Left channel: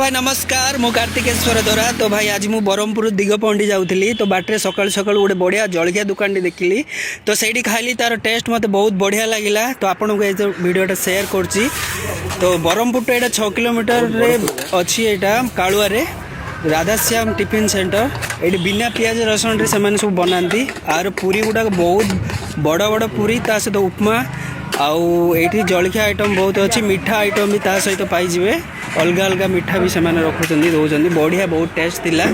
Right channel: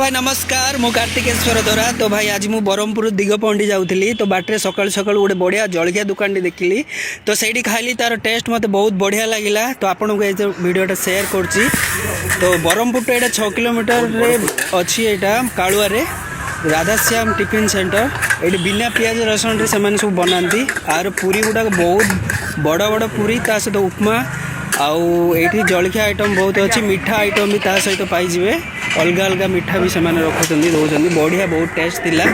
भाई नमस्कार मु कार्तिकेश्वर दोरा। तो भाई आज मु ब्रह्मपुर दिगपंडी जाऊँगी तो बाटे सकाल सकाल गोटे बढ़िया जलखिया दुकान देखिली तो सही खाली तार टेस्ट मत बहुत बढ़िया लगिला। तो आपन को ये वीडियोटा शेयर करची। तो ब्रह्मपुर तो यहाँ 6 किलोमीटर रे अच्छी यहाँ कालुआरे राधाश्याम टिफिन सेंटर ये बिना पियाज रसुण से सब बनाती आर पूरी गुड़ाक बहुत बड़ बड़ पूरी ता सहित उपमा आउ ये जलखिया आइटम बहुत अच्छी मीठा आइटम भी ता सहित पाइबे अलग अलग मीठा भी से रखुच्च दौरान बढ़िया बहुत टेस्ट थिला।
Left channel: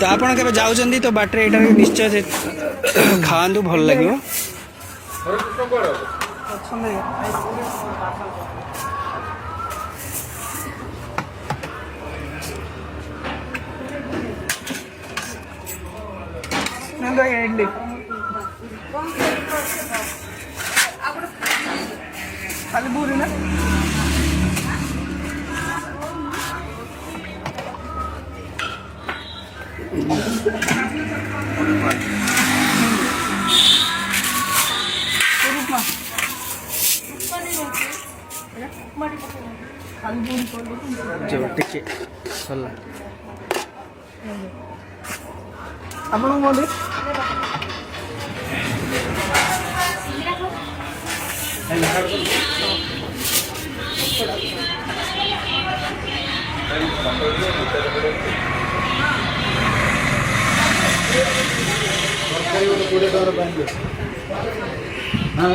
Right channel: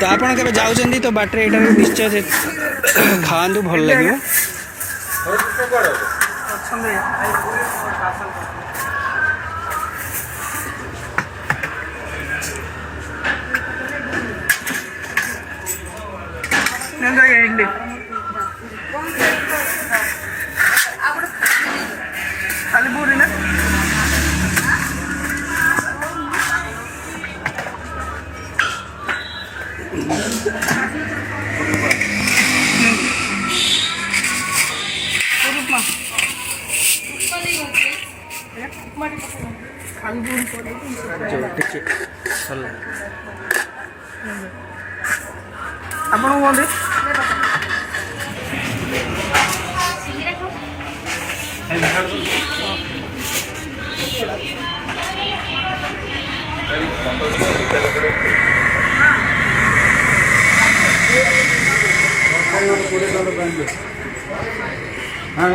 तो आपड़ के जाऊँच तो बाटे यहाँ निश्चय से खाआंतु भल लगे। खाली पूरी ना ଆପଣ କୁହନ୍ତି हाँ